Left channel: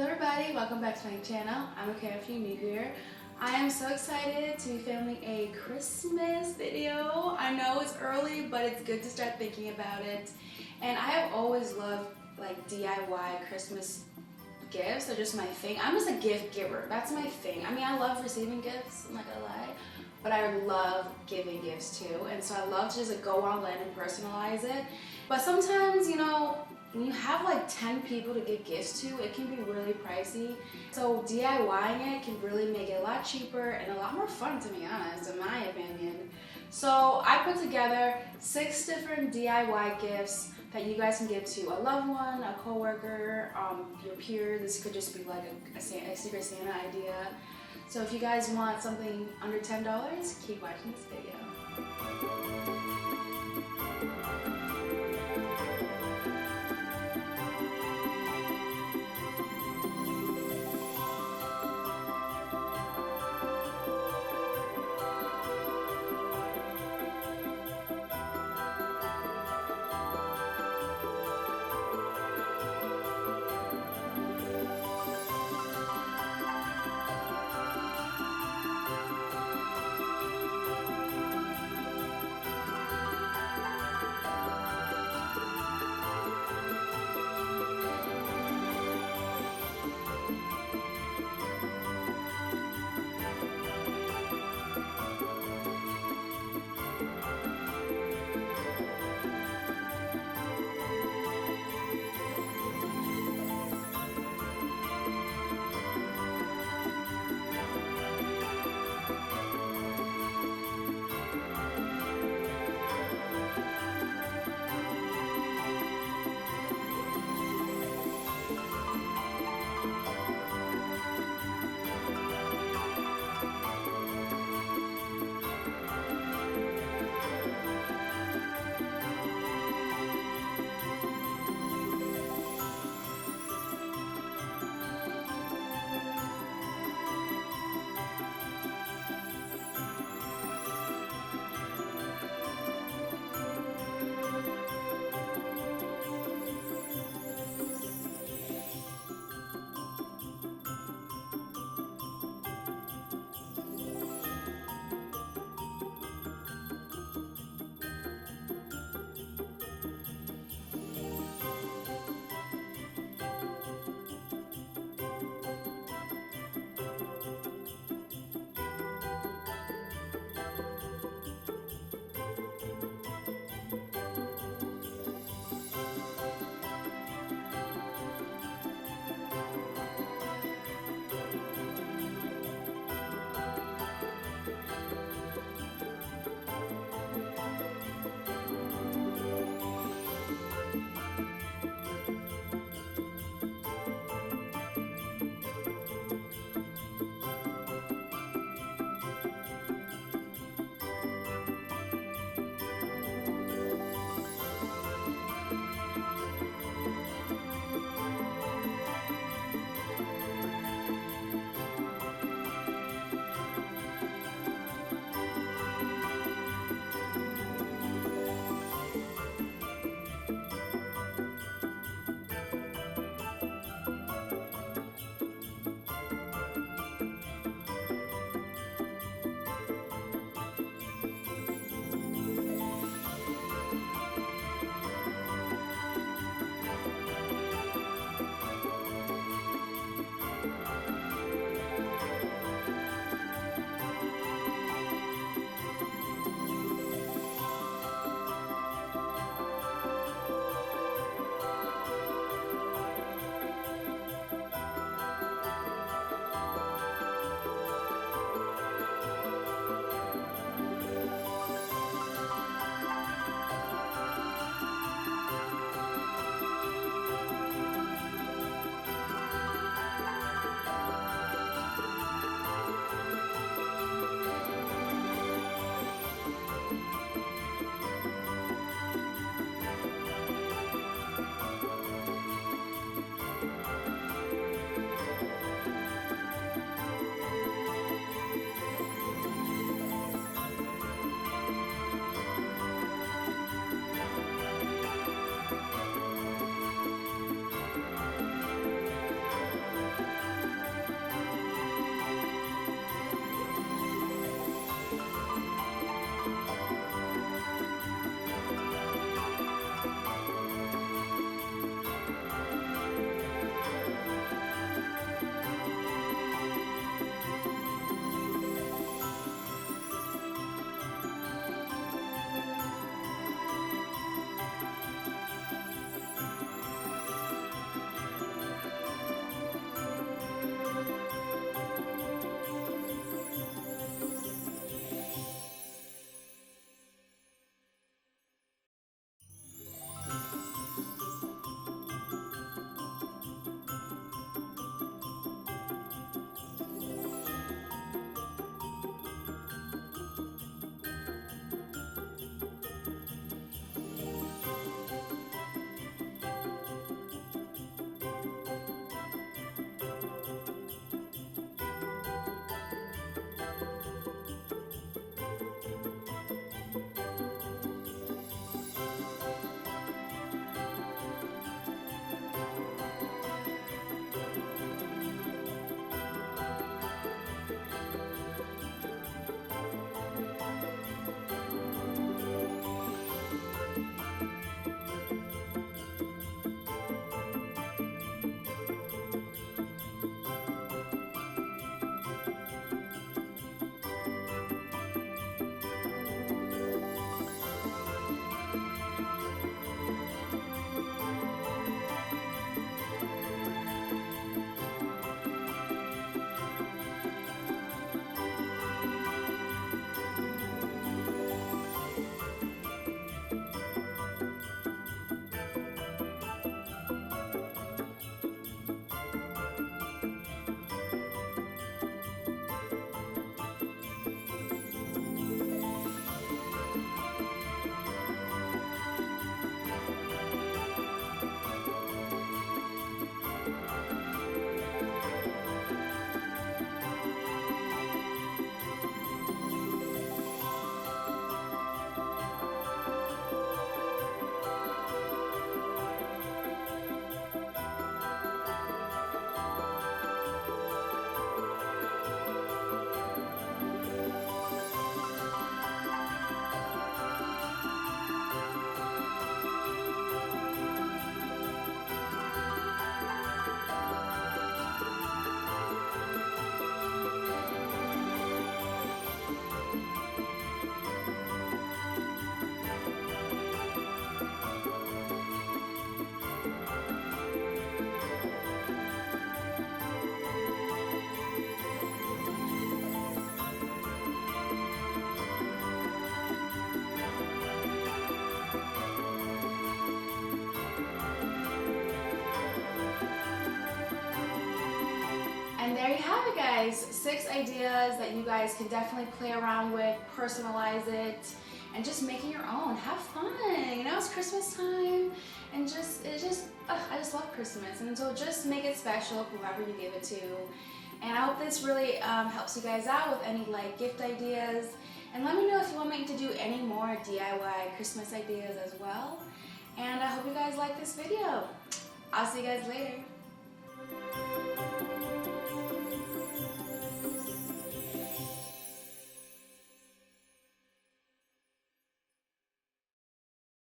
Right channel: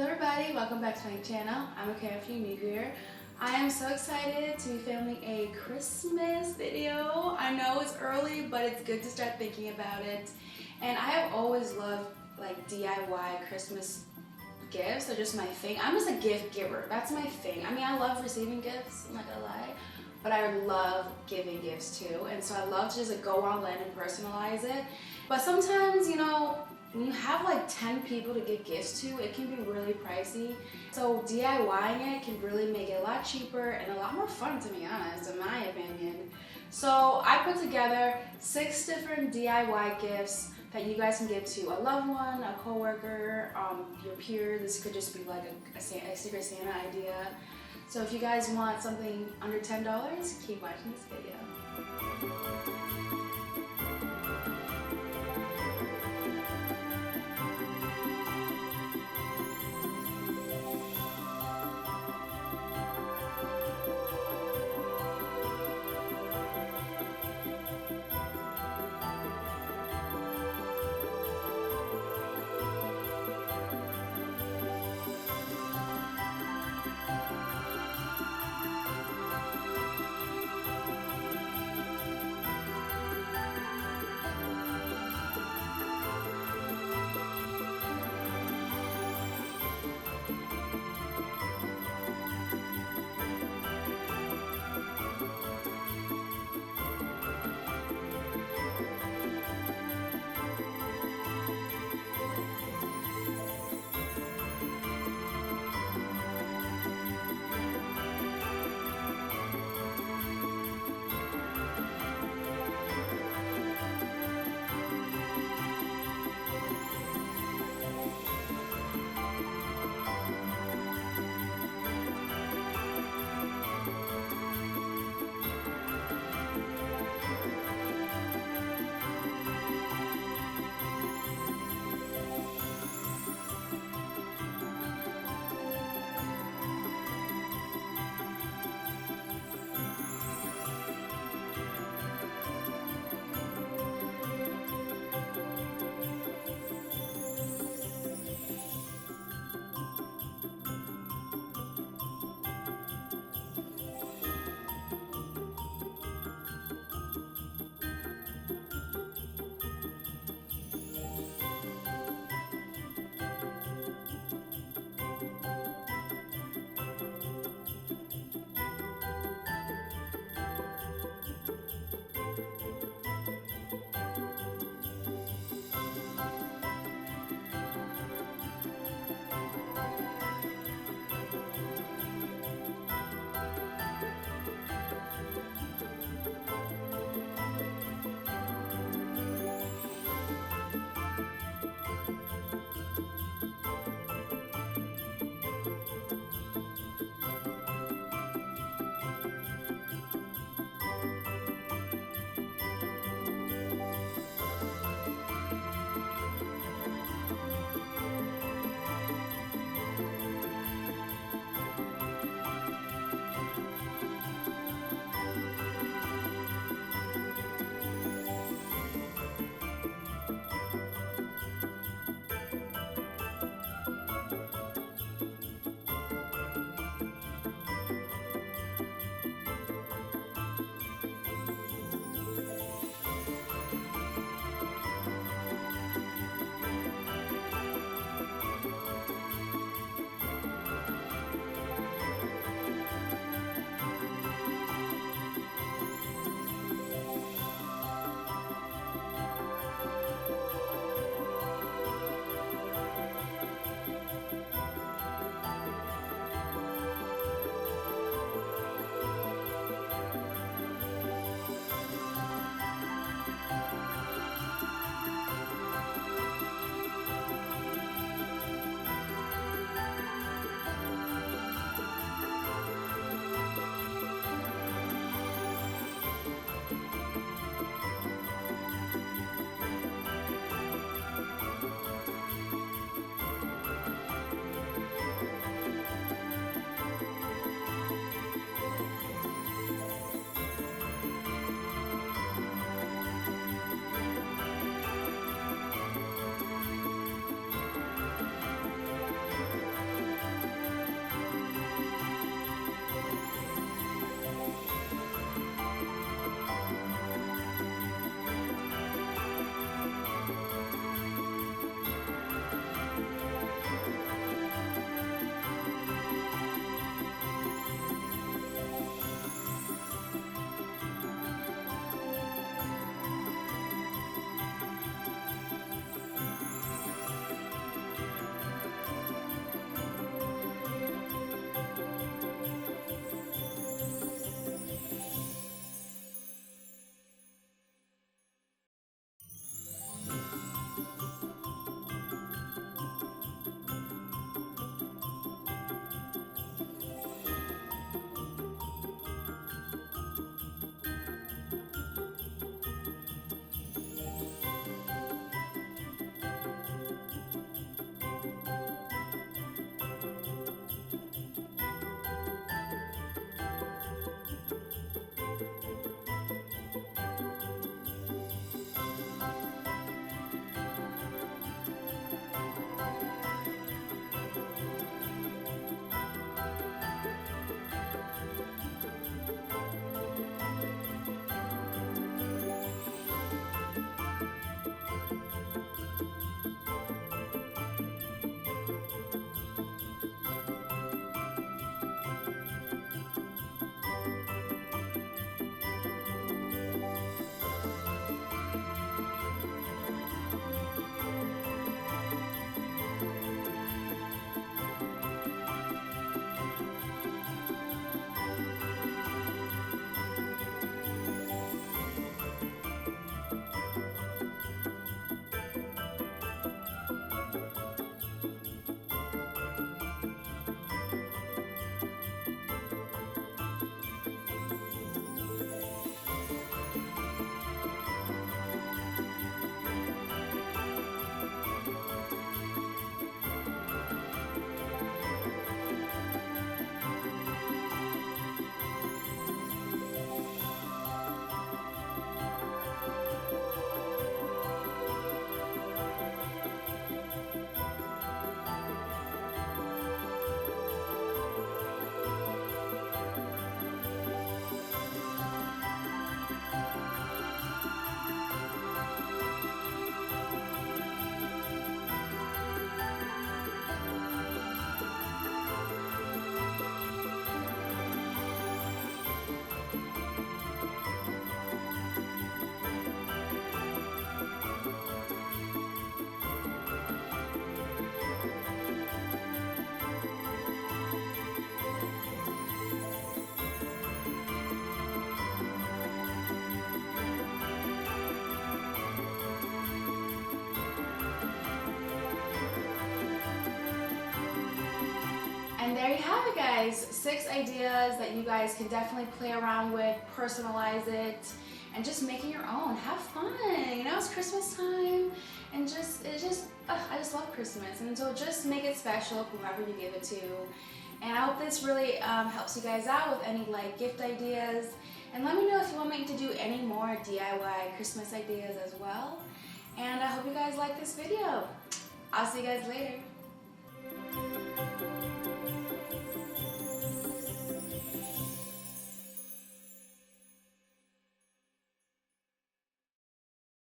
Hello everybody, welcome back to my channel. I'm okay if you're new here. I am so excited to be filming a Christmas video. I know it's early, but it's good to start thinking about it. And I have always loved like DIY Christmas gifts. They're just my thing. I'm just a gift giver. That's my thing. I mean, I love receiving gifts, I'm not gonna lie, but I love giving gifts too. And so I love to just like go online and personalize it. But sometimes, you know, when you have like 10 people to give gifts to, it can be really pricey. So DIYing it can really make it a lot cheaper and a lot more fun, to be honest, in my opinion. So I put together 6 different DIY gifts that you guys can give to a loved one, a coworker, your peer. This could just be like a Secret Santa idea. So if you guys want something under $10, keep watching this video. And there you have it, guys. 6 ideas that you guys can definitely play around with, personalize it, and just make it your own. Have fun. You know, it's Christmas time, and I just love Christmas. And so just make it special, whoever you give it to. And I hope this really helps you guys out with any like gift ideas. And let me know if you want me to do any more DIY Christmas ideas as well. And I hope you guys like this video. I'll see you guys later.